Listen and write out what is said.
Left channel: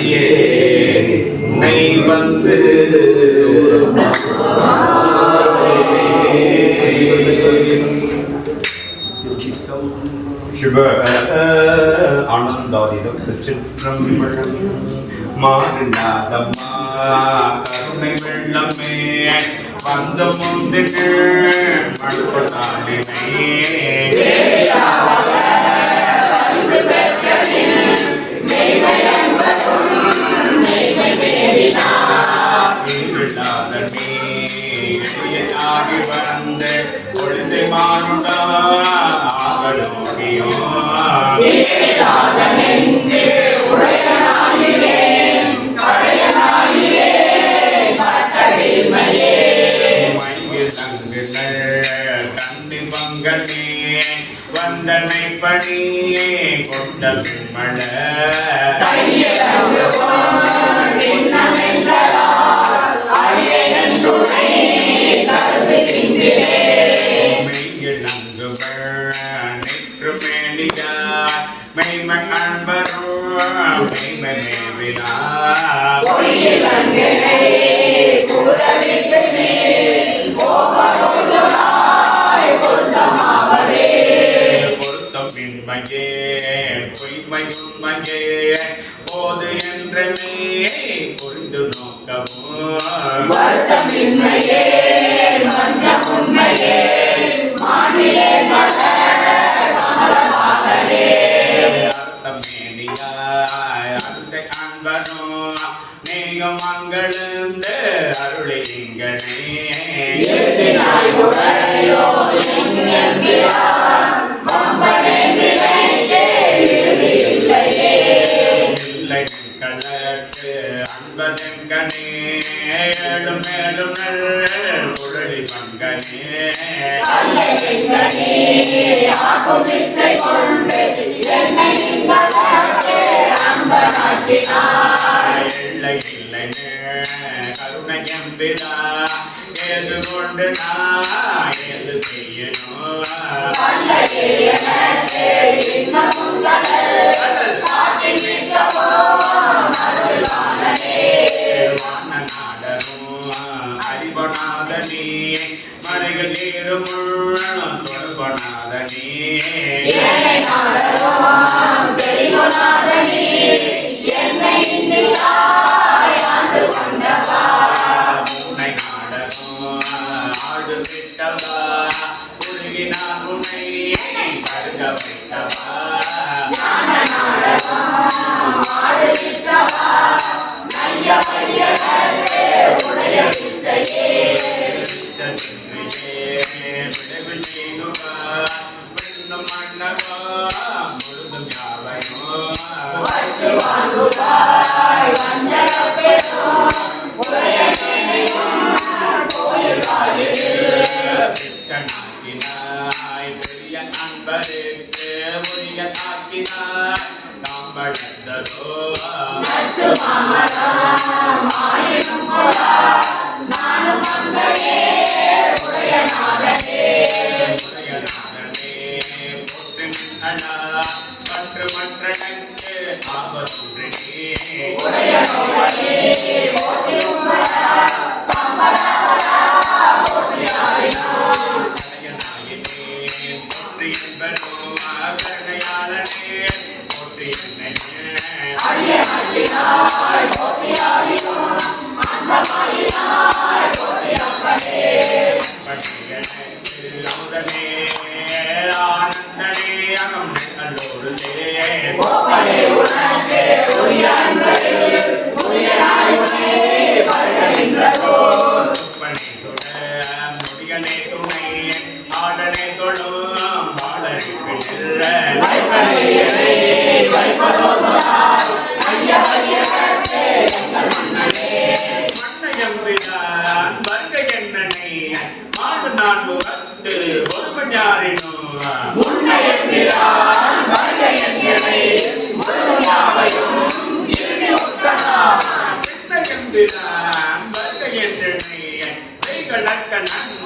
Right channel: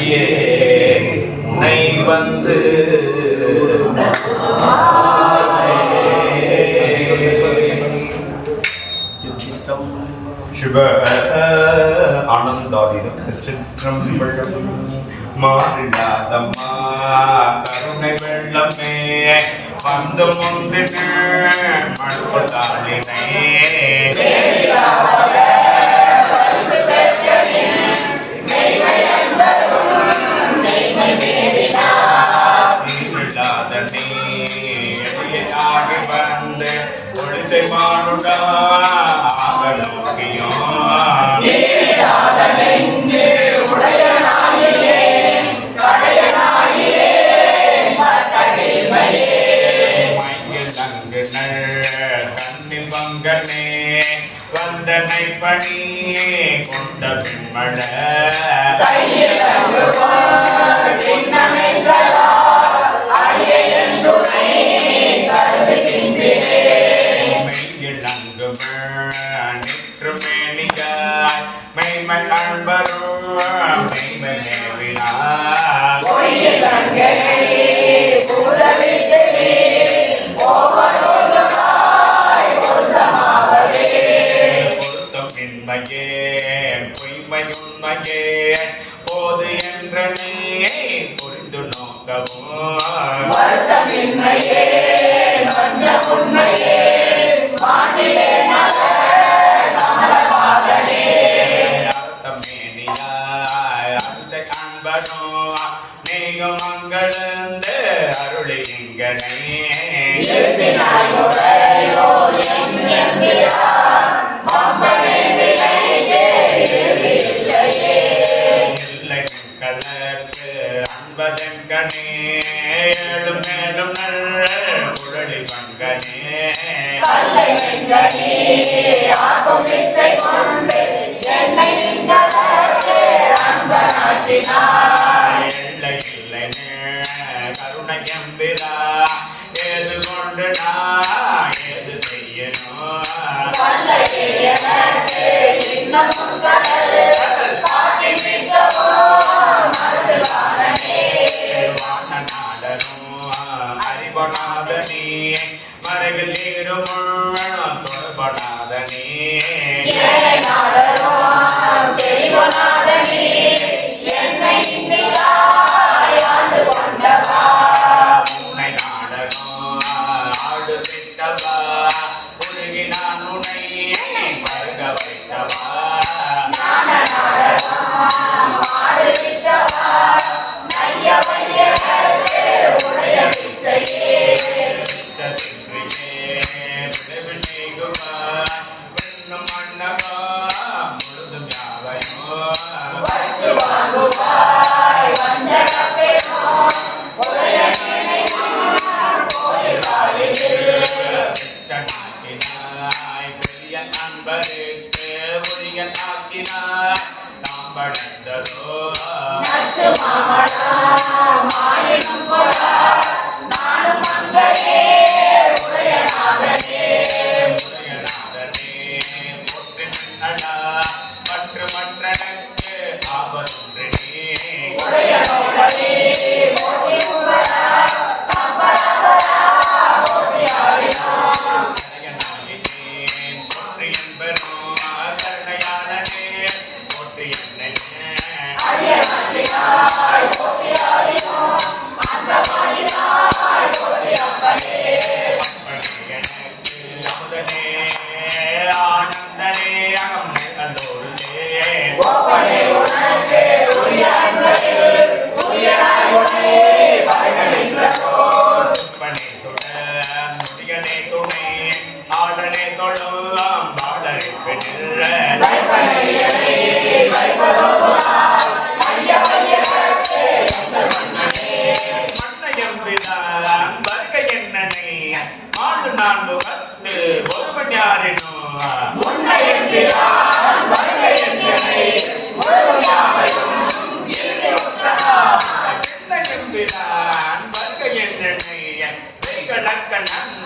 அடியே உன்னை வந்து சிவ ஆனந்தாதீதம் திருச்சிற்றம்பலம் மாறில்லாதம்மா கருணை வெள்ளமே வந்து முந்தின மண்புதாலினை எளியதாகி வந்து ஒளிசை மானுடா ஆக நோக்கியும் கண்ணி பங்கனே வந்தனை பணியே கொண்ட பெண்மள நிற்றுமேனியாய் மெய்மை காண்பரும் மெய்மை நேவினா பொருத்தம் இன்மையே பொய்மையுண்மையே போது என்ற நீ புரிந்து நோக்கவும் அர்த்தமேனியாய் அந்த காண்பரும் நீயும் அங்கழுந்து அருளி இங்கனே இல்லை கலக்கு அன்பதெங்கனே ஏழும் மேலும் குழலி பங்கனே இல்லை இல்லை கருணையம்பிரா ஏது கொண்டு நான் ஏது செய்யணும் வான நாடரும் அறிவனாதனே மலைகள் நீரும் தொடர்பனாதனே உன்னை நாடகம் ஆடு விட்டவா உருகி நான் உன்னை பருக வைத்தவா விளைவில் செய்குவார் பின்னும் மன்னவா முழுதும் யாவையும் நாக்கினாய் பெரிய அன்பருக்கு உரிய தாக்கினாய் நாம் வளர்ந்ததோ பற்று மற்றனுக்கு ஆபத்துன்றே போற்றி என்பரும் கருணையாளனே போற்றி என்னை அமுதனே ஆனந்தனே அகம்மை கல்லோருதே முடிகனே துணை ஆடனே தொழும் பாடலுக்கு மன்னையம் விதான் வருகை என்னனை ஆடு நான் முகத்து ஒருவன் யாரினோ வருகை என்னனை நன்கு